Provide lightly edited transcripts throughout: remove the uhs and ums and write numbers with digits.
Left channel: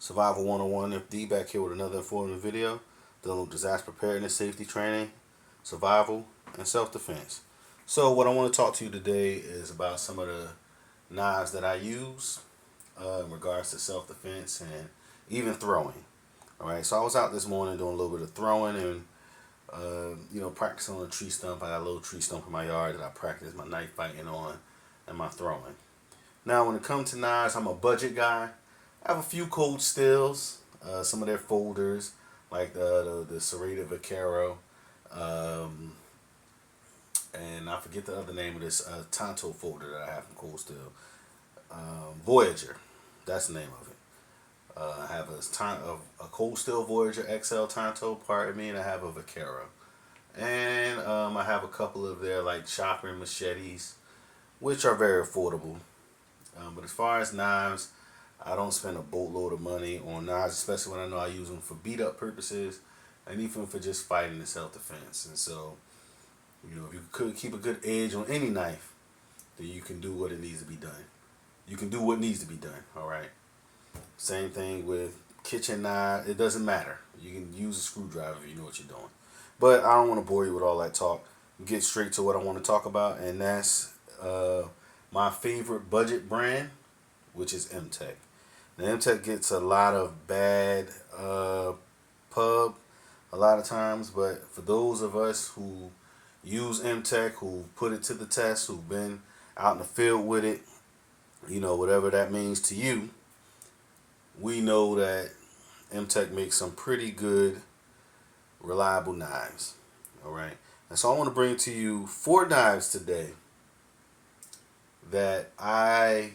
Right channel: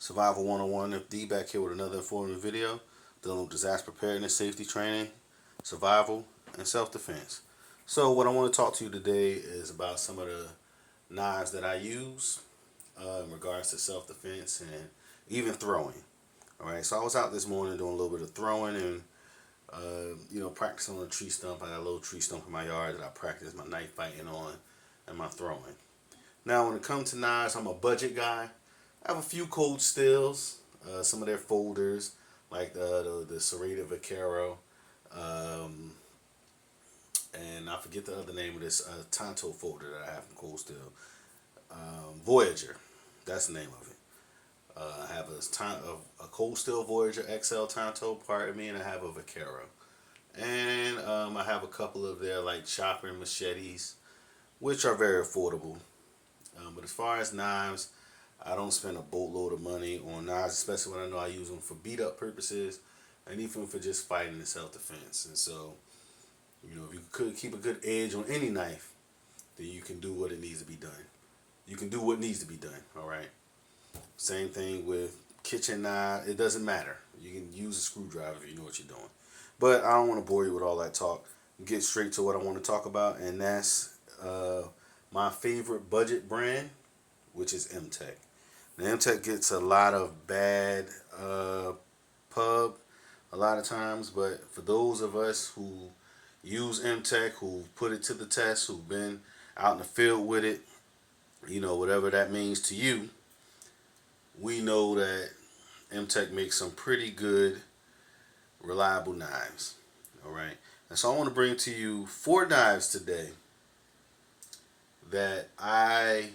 Survival 101 FD back here with another informative video dealing with disaster preparedness, safety training, survival, and self-defense. So what I want to talk to you today is about some of the knives that I use in regards to self-defense and even throwing. All right, so I was out this morning doing a little bit of throwing and practicing on a tree stump. I got a little tree stump in my yard that I practice my knife fighting on and my throwing. Now, when it comes to knives, I'm a budget guy. I have a few cold steels, some of their folders, like the Serrated Vaquero, um, and I forget the other name of this Tonto folder that I have from Cold Steel. Voyager, that's the name of it. I have a Cold Steel Voyager XL Tonto, pardon me, and I have a Vaquero. And I have a couple of their like chopper machetes, which are very affordable. But as far as knives, I don't spend a boatload of money on knives, especially when I know I use them for beat up purposes and even for just fighting and self defense. And so, if you could keep a good edge on any knife, then you can do what it needs to be done. You can do what needs to be done, all right? Same thing with kitchen knife. It doesn't matter. You can use a screwdriver if you know what you're doing. But I don't want to bore you with all that talk. Get straight to what I want to talk about, and that's my favorite budget brand, which is Mtech. Now, Mtech gets a lot of bad pub a lot of times, but for those of us who use Mtech, who put it to the test, who've been out in the field with it, whatever that means to you, we know that Mtech makes some pretty good, reliable knives. All right. And so I want to bring to you 4 knives today that I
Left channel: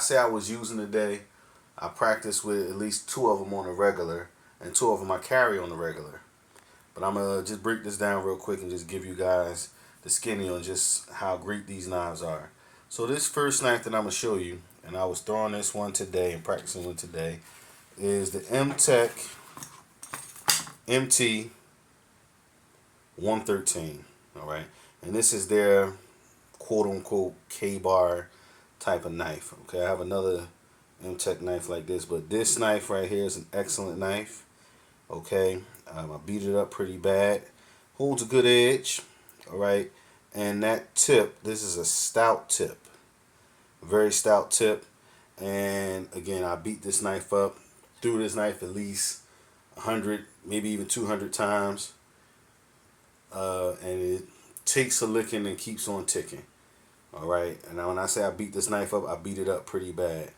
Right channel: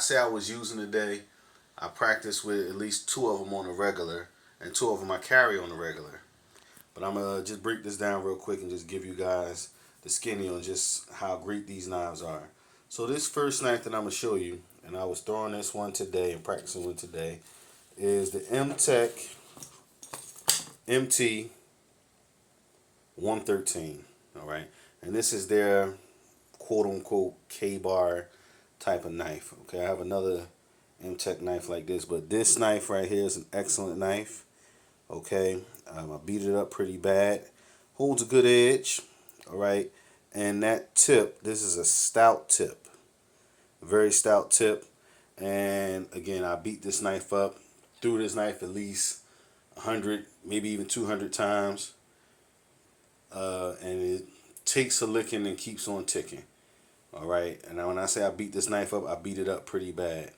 say I was using today. I practice with at least 2 of them on a regular, and 2 of them I carry on the regular. But I'm gonna just break this down real quick and just give you guys the skinny on just how great these knives are. So this first knife that I'm gonna show you, and I was throwing this one today and practicing with today, is the Mtech MT 113. All right, and this is their quote unquote K-bar type of knife. Okay, I have another Mtech knife like this, but this knife right here is an excellent knife. Okay, I beat it up pretty bad. Holds a good edge. All right, and that tip, this is a stout tip, very stout tip. And again, I beat this knife up, threw this knife at least 100, maybe even 200 times, and it takes a licking and keeps on ticking. All right, and now when I say I beat this knife up, I beat it up pretty bad,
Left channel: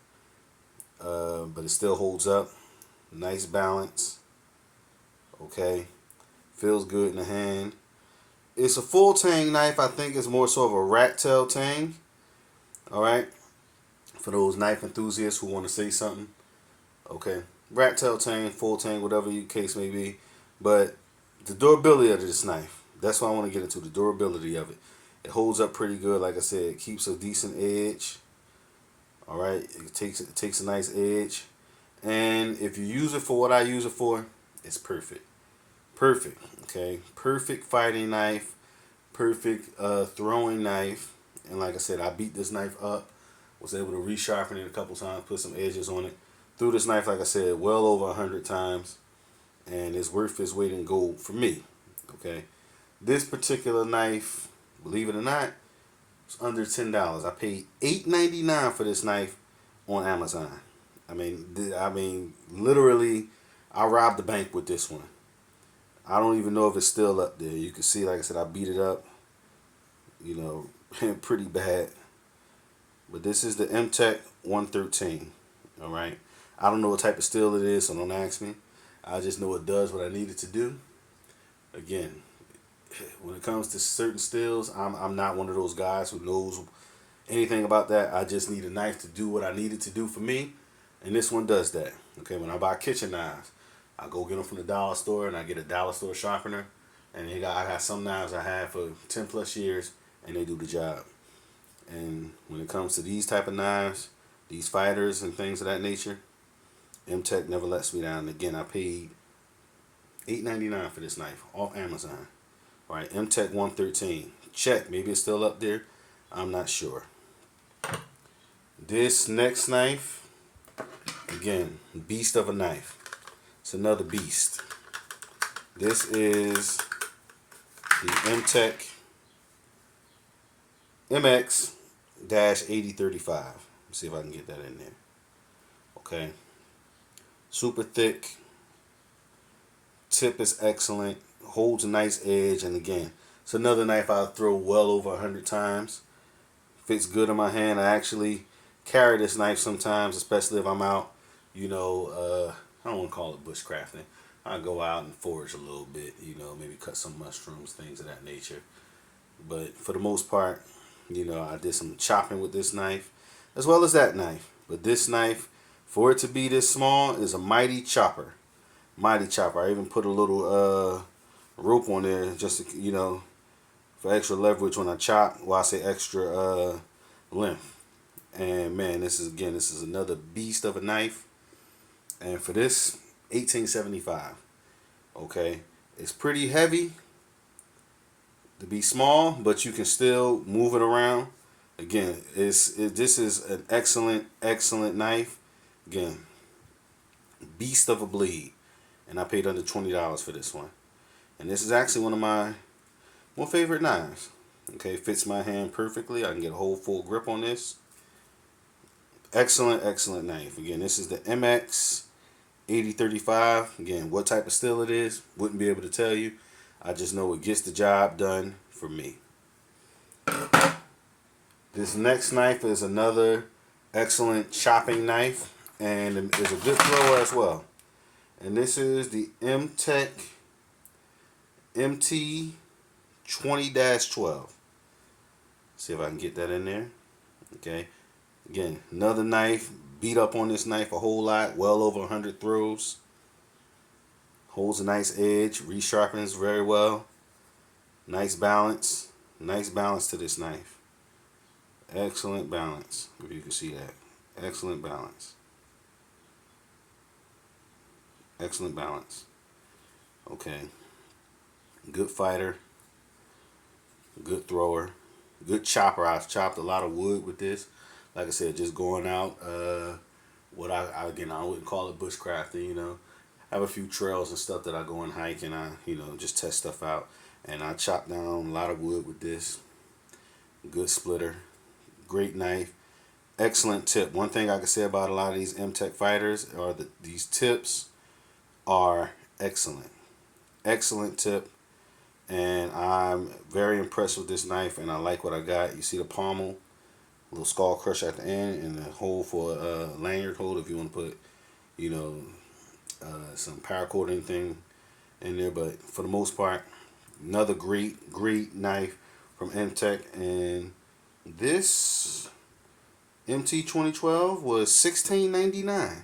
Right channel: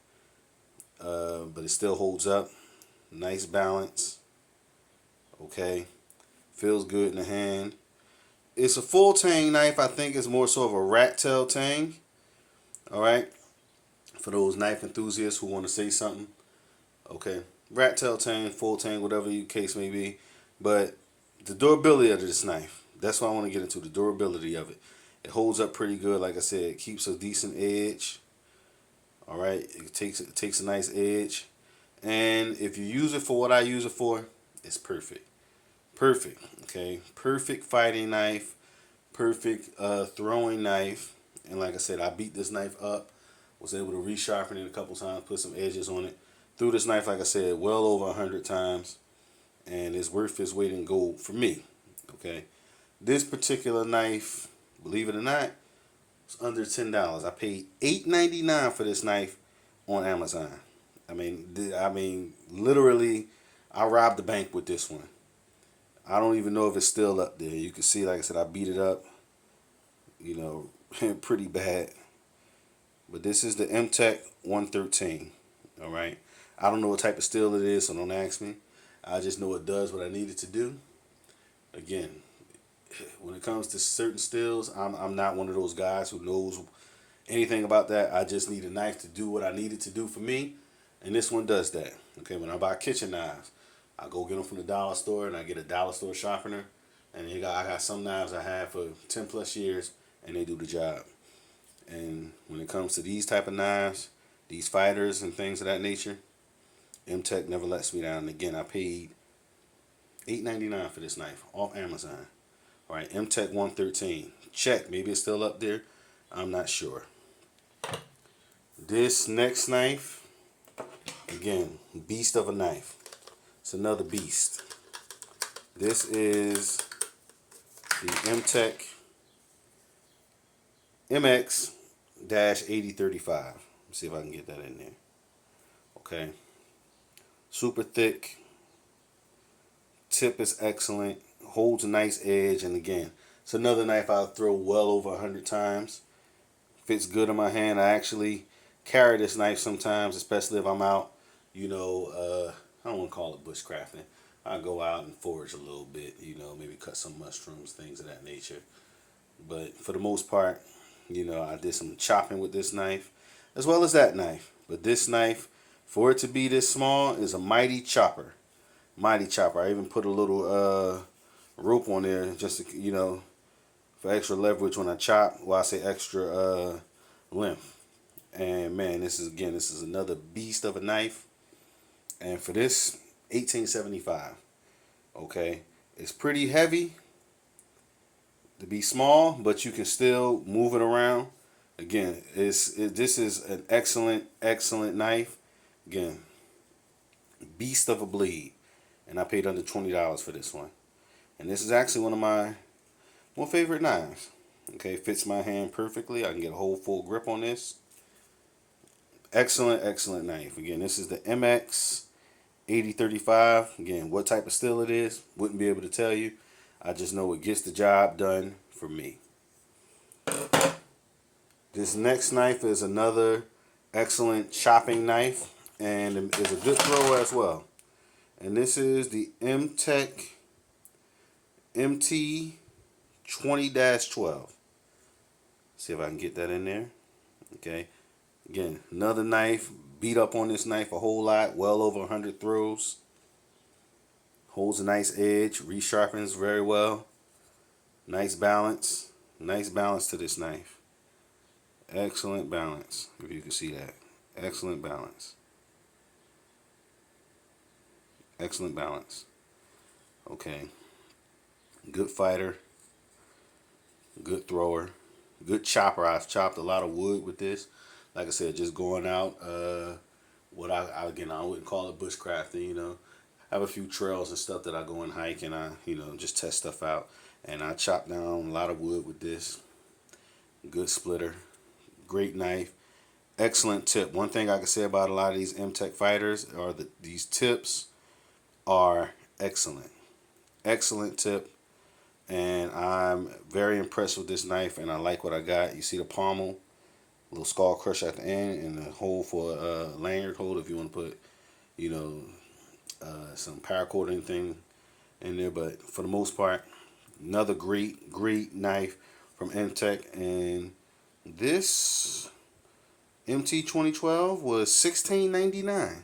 but it still holds up. Nice balance. Okay, feels good in the hand. It's a full tang knife. I think it's more so of a rat tail tang. All right, for those knife enthusiasts who want to say something. Okay, rat tail tang, full tang, whatever your case may be. But the durability of this knife, that's what I want to get into, the durability of it. It holds up pretty good. Like I said, it keeps a decent edge. All right, it takes a nice edge. And if you use it for what I use it for, it's perfect. Perfect. Okay, perfect fighting knife, perfect throwing knife. And like I said, I beat this knife up, was able to resharpen it a couple times, put some edges on it. Threw this knife, like I said, well over 100 times, and it's worth its weight in gold for me. Okay, this particular knife, believe it or not, it's under $10. I paid $8.99 for this knife on Amazon. Literally, I robbed the bank with this one. I don't even know if it's still up there. You can see, like I said, I beat it up, pretty bad. But this is the Mtech 113. All right. I don't know what type of steel it is, so don't ask me. I just know it does what I need it to do. Again, when it comes to certain steels, I'm not one of those guys who knows anything about that. I just need a knife to do what I need it to do for me, and this one does that. Okay, when I buy kitchen knives, I go get them from the dollar store, and I get a dollar store sharpener, and I got some knives I had for 10 plus years, and they do the job. And when it comes to these type of knives, these fighters and things of that nature, Mtech never lets me down. Again, I paid $8.99 for this knife off Amazon. All right, Mtech 113. Check. Maybe it's still up there. I'm not sure. This next knife Again, beast of a knife. It's another beast. This is the Mtech MX-8035. Let's see if I can get that in there. Okay. Super thick. Tip is excellent. Holds a nice edge. And again, it's another knife I'll throw well over 100 times. Fits good in my hand. I actually carry this knife sometimes, especially if I'm out, you know, I don't want to call it bushcrafting. I go out and forage a little bit, you know, maybe cut some mushrooms, things of that nature. But for the most part, you know, I did some chopping with this knife, as well as that knife. But this knife, for it to be this small, is a mighty chopper. Mighty chopper. I even put a little rope on there just to, you know, for extra leverage when I chop. Well, I say extra length. And man, this is another beast of a knife. And for this, 1875. Okay, it's pretty heavy to be small, but you can still move it around. Again, this is an excellent knife. Again, beast of a bleed, and I paid under $20 for this one. And this is actually one of my more favorite knives. Okay, it fits my hand perfectly. I can get a whole full grip on this. Excellent knife. Again, this is the MX-8035. Again, what type of steel it is, wouldn't be able to tell you. I just know it gets the job done for me. This next knife is another excellent chopping knife, and is a good thrower as well. And this is the Mtech MT20-12. See if I can get that in there. Okay. Again, another knife. Beat up on this knife a whole lot. Well over 100 throws. Holds a nice edge. Resharpens very well. Nice balance. Nice balance to this knife. Excellent balance. If you can see that. Excellent balance. Excellent balance. Okay. Good fighter. Good thrower. Good chopper. I've chopped a lot of wood with this. Like I said, just going out. What I wouldn't call it bushcrafting. You know, I have a few trails and stuff that I go and hike, and I, you know, just test stuff out. And I chop down a lot of wood with this. Good splitter. Great knife. Excellent tip. One thing I can say about a lot of these Mtech fighters are that these tips are excellent. Excellent tip. And I'm very impressed with this knife, and I like what I got. You see the pommel, a little skull crush at the end, and the hole for a lanyard hold if you want to put, you know, some paracord or anything in there. But for the most part, another great knife from Mtech. And this MT2012 was $16.99.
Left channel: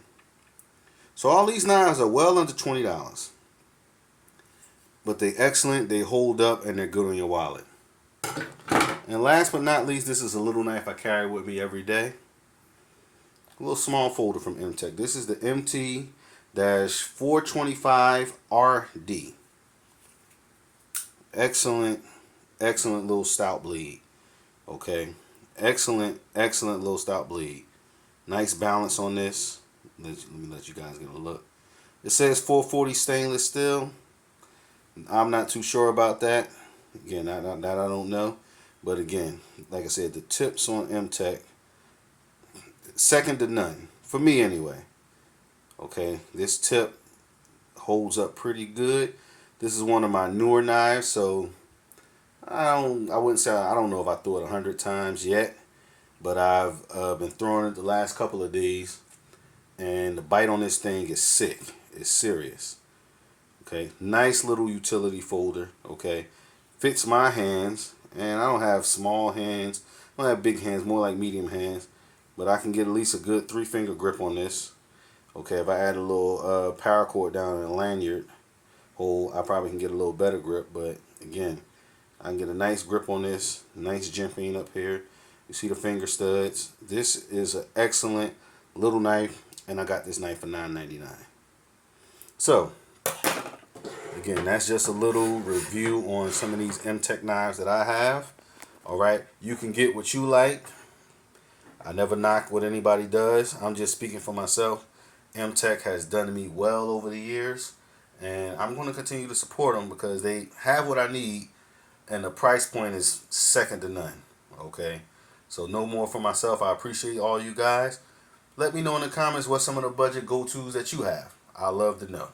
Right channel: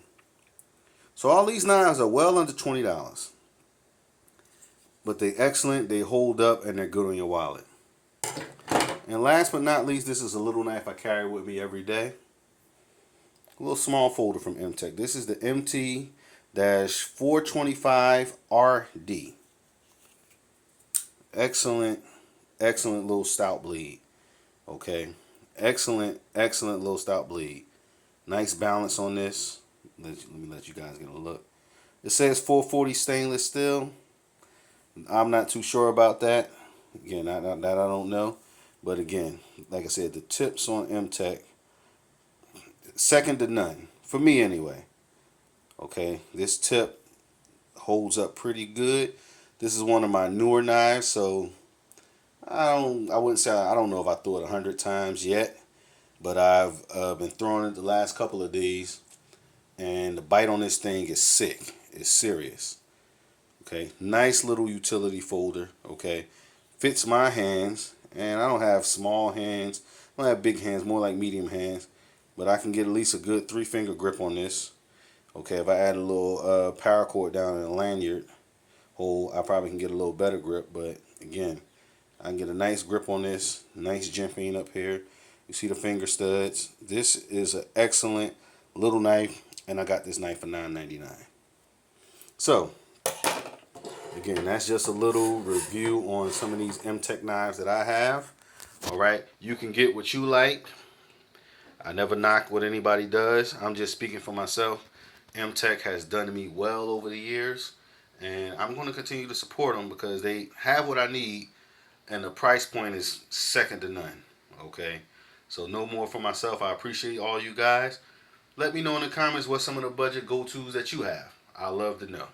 So all these knives are well under $20. But they're excellent, they hold up, and they're good on your wallet. And last but not least, this is a little knife I carry with me every day. A little small folder from Mtech. This is the MT-425RD. Excellent little stout bleed. Okay. Excellent little stout bleed. Nice balance on this. Let me let you guys get a look. It says 440 stainless steel. I'm not too sure about that. Again, that I don't know. But again, like I said, the tips on Mtech, second to none. For me anyway. Okay, this tip holds up pretty good. This is one of my newer knives, so I wouldn't say, I don't know if I threw it 100 times yet. But I've been throwing it the last couple of days. And the bite on this thing is sick. It's serious. Okay, nice little utility folder. Okay, fits my hands, and I don't have small hands. I don't have big hands, more like medium hands. But I can get at least a good 3-finger grip on this. Okay, if I add a little paracord down in a lanyard hole, I probably can get a little better grip. But again, I can get a nice grip on this. Nice jimping up here. You see the finger studs. This is an excellent little knife, and I got this knife for $9.99. So again, that's just a little review on some of these Mtech knives that I have. Alright, you can get what you like. I never knock what anybody does. I'm just speaking for myself. Mtech has done to me well over the years, and I'm going to continue to support them because they have what I need, and the price point is second to none. Okay, so no more for myself. I appreciate all you guys. Let me know in the comments what some of the budget go tos that you have. I love to know.